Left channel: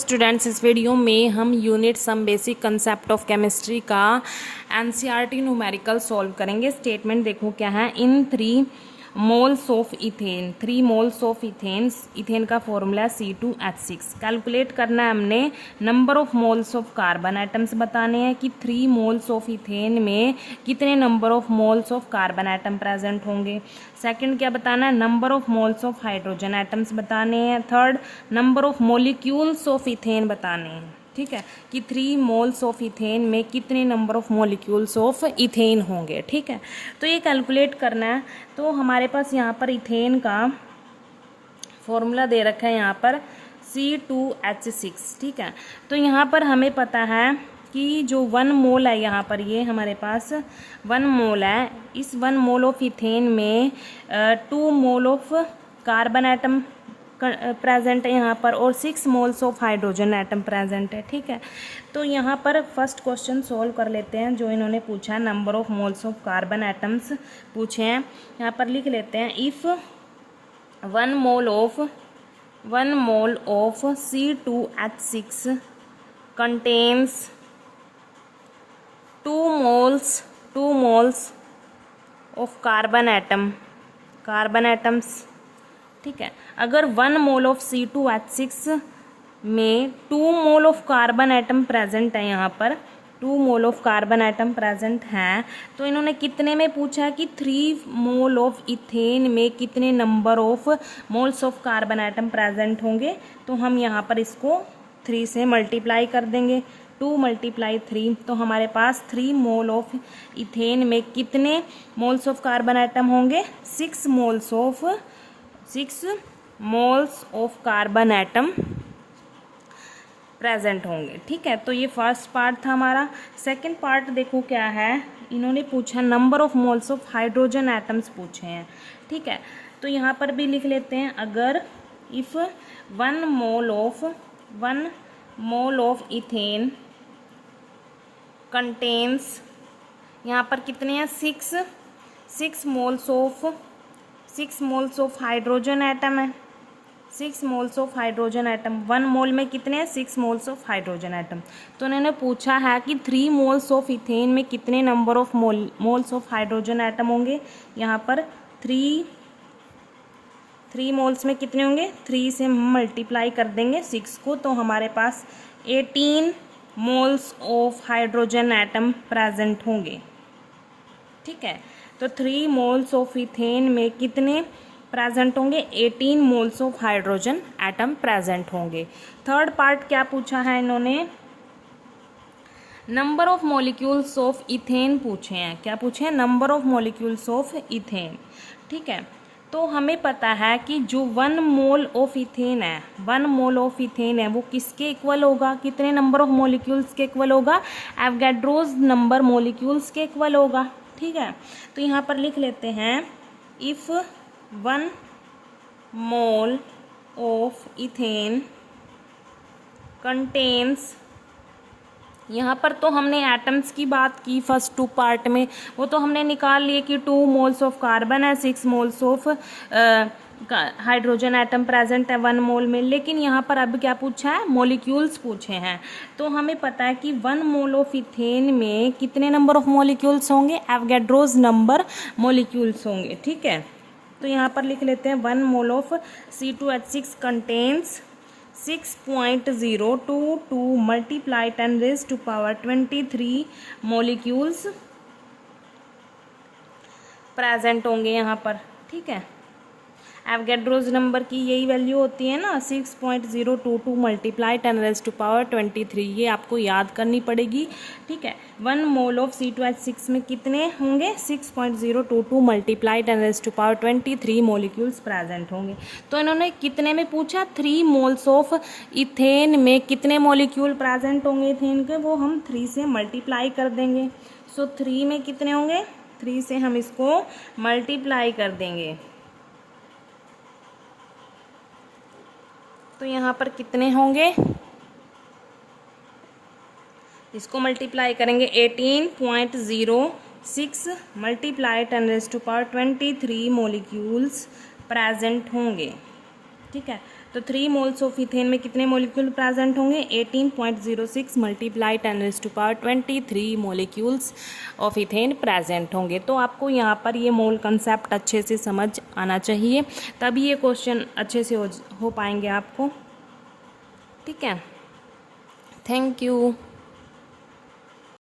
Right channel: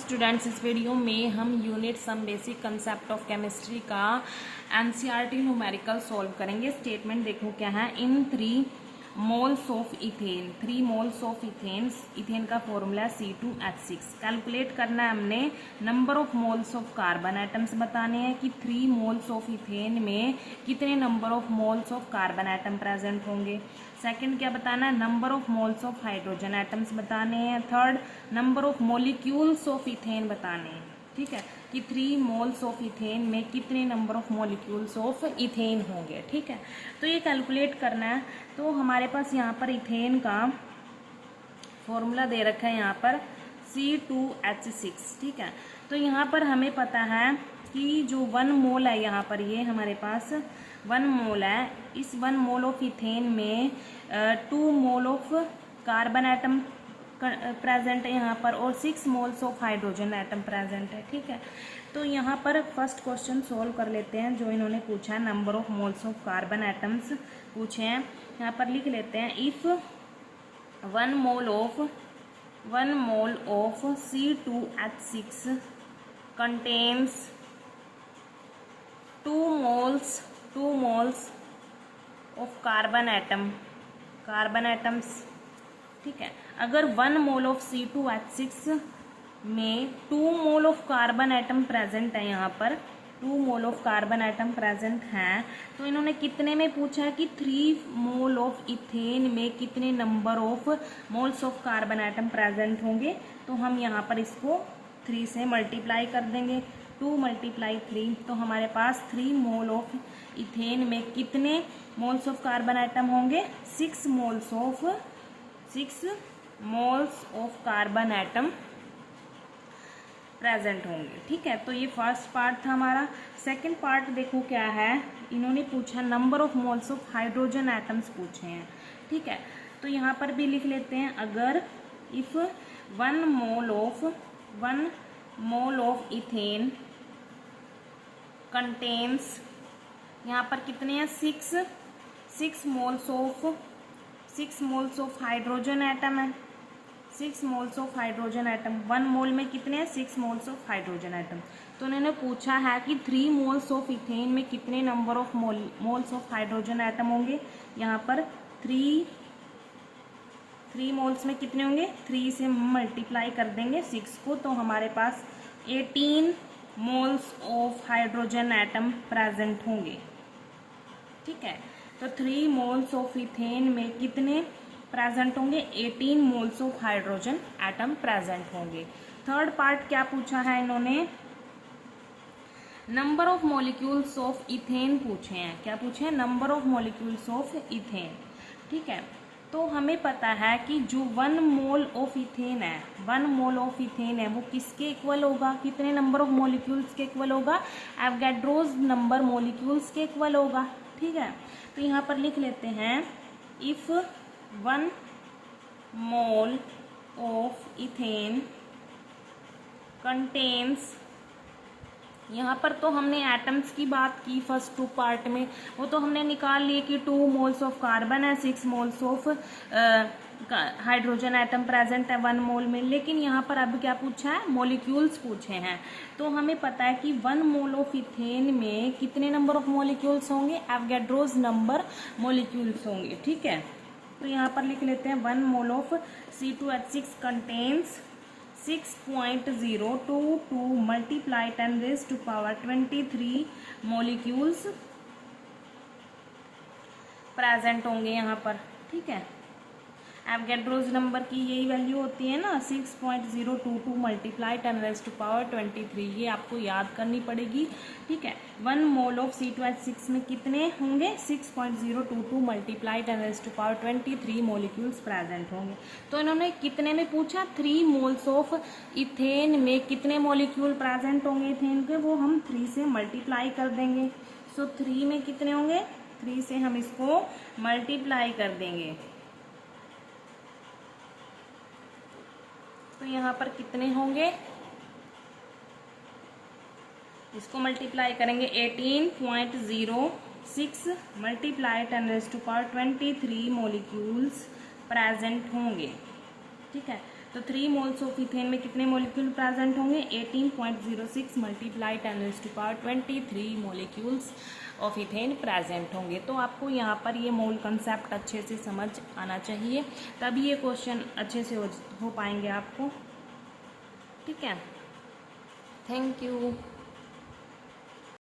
Students, इस video में हम unit some basic concept of chemistry का एनसीईआरटी न्यूमेरिकल सॉल्व करेंगे। स्टेटमेंट देखो क्या है। In 3 moles of ethane, 3 moles of ethane का फॉर्मूला C2H6। कैलकुलेट करना है हमने number of moles of carbon atoms बताने हैं कि 3 मोल्स ऑफ इथेन में कितने number of moles of carbon atom present होंगे। सेकंड क्या बताना है, number of moles of hydrogen atoms बताने हैं। Third, number of molecules of ethane बताने हैं। ठीक है, कि 3 मोल्स ऑफ इथेन में कितने number of molecules of ethane होंगे। ठीक है, तो ये कैलकुलेट करना है। तो हमारे पास यहाँ पर इथेन का फॉर्मूला दे रखा है यहाँ पर C2H6। ठीक है, तो यहाँ पर हमें पता है कि जो 1 मोल है, यहाँ पर ये हमारे पास 1 मोल है। इस 1 मोल ऑफ इथेन में 2 mole of carbon atom present है यहाँ पर, और 6 moles of hydrogen atom present है। ठीक है, तो यहाँ पर फर्स्ट क्वेश्चन सॉल्व कर लेते हैं जो इन्होंने पूछा है। Number of moles of carbon atoms पूछे हैं, यहाँ पर लिख लेते हैं। If 1 mole of C2H6 contains 2 moles of carbon atoms. ठीक है, अगर 1 मोल ऑफ C2H6 में 2 mole of carbon atom present है, यहाँ पर 2 mole of carbon atom present हैं, तो इन्होंने कितने में पूछा है कि 3 मोल ऑफ इथेन में कितने number of moles of carbon atom present होंगे। तो हम यहाँ पर इसको 3 से मल्टीप्लाई कर देंगे। 2 × 3, तो हमारे पास 3 मोल ऑफ इथेन में कितने मोल्स ऑफ कार्बन एटम होंगे? 6 moles of carbon atom present होंगे। ठीक है, तो ये फर्स्ट पार्ट था हमारा। सेकंड पार्ट देखो क्या है, इन्होंने पूछा number of moles of hydrogen atoms पूछे हैं। ठीक है, तो यहाँ पर भी लिख लेते हैं। अगर if 1 mole of ethane contains, यहाँ पर कितने हैं? 6 मोल्स ऑफ हाइड्रोजन एटम है। 6 मोल्स ऑफ हाइड्रोजन एटम, 1 मोल में कितने हैं? 6 मोल्स ऑफ हाइड्रोजन एटम। तो उन्होंने पूछा है कि 3 मोल्स ऑफ इथेन में कितने number of moles of hydrogen atom होंगे। यहाँ पर 3 मोल्स में कितने होंगे? 3 से हम मल्टीप्लाई कर देंगे 6 को, तो हमारे पास 18 moles of hydrogen atom present होंगे। ठीक है, तो 3 मोल्स ऑफ इथेन में कितने प्रेजेंट होंगे? 18 moles of hydrogen atom present होंगे। थर्ड पार्ट क्या पूछा है इन्होंने? Number of molecules of ethane पूछे हैं। क्या पूछे हैं? Number of molecules of ethane. ठीक है, तो हमें पता है कि जो 1 मोल ऑफ इथेन है, 1 मोल ऑफ इथेन है, वो किसके इक्वल होगा? कितने नंबर ऑफ मॉलिक्यूल्स के इक्वल होगा? एवोगाड्रोस नंबर मॉलिक्यूल्स के इक्वल होगा। ठीक है, तो यहाँ पर लिख लेते हैं। If 1 mole of ethane contains, यहाँ पर तो हमने एटम्स की बात की फर्स्ट 2 पार्ट में, वो तो हमने निकाल लिए कि 2 मोल्स ऑफ कार्बन है, 6 moles of hydrogen atom present है 1 मोल में। लेकिन यहाँ पर अब क्या पूछा है? मॉलिक्यूल्स पूछे हैं। तो हमें पता है कि 1 मोल ऑफ इथेन में कितने नंबर ऑफ मॉलिक्यूल्स होंगे? एवोगाड्रोस नंबर मॉलिक्यूल्स होंगे। ठीक है, तो यहाँ पर लिख लेते हैं 1 mole of C2H6 contains 6.022 multiply 10⁻23 molecules present होंगे यहाँ पर। ठीक है, एवोगाड्रोस नंबर की यही वैल्यू होती है ना, 6.022 मल्टीप्लाई 10⁻23, ये आपको याद करनी पड़ेगी। ठीक है, 1 मोल ऑफ C2H6 में कितने होंगे? 6.022 मल्टीप्लाई 10⁻23 मॉलिक्यूल्स प्रेजेंट होंगे। तो इन्होंने कितने में पूछा? 3 मोल्स ऑफ इथेन में कितने मॉलिक्यूल प्रेजेंट होंगे इथेन के, वो हम 3 से मल्टीप्लाई कर देंगे। सो 3 में कितने होंगे? 3 से हम इसको मल्टीप्लाई कर देंगे, तो यहाँ पर कितने होंगे? इसको मल्टीप्लाई करेंगे 18.06 मल्टीप्लाई 10⁻23 मॉलिक्यूल्स प्रेजेंट होंगे। ठीक है, तो 3 मोल्स ऑफ इथेन में कितने मोलिक्यूल प्रेजेंट होंगे? 18.06 multiply 10⁻23 molecules of ethane present होंगे। तो आपको यहाँ पर ये मोल कंसेप्ट अच्छे से समझ आना चाहिए, तभी ये क्वेश्चन अच्छे से हो पाएंगे आपको। ठीक है, थैंक यू।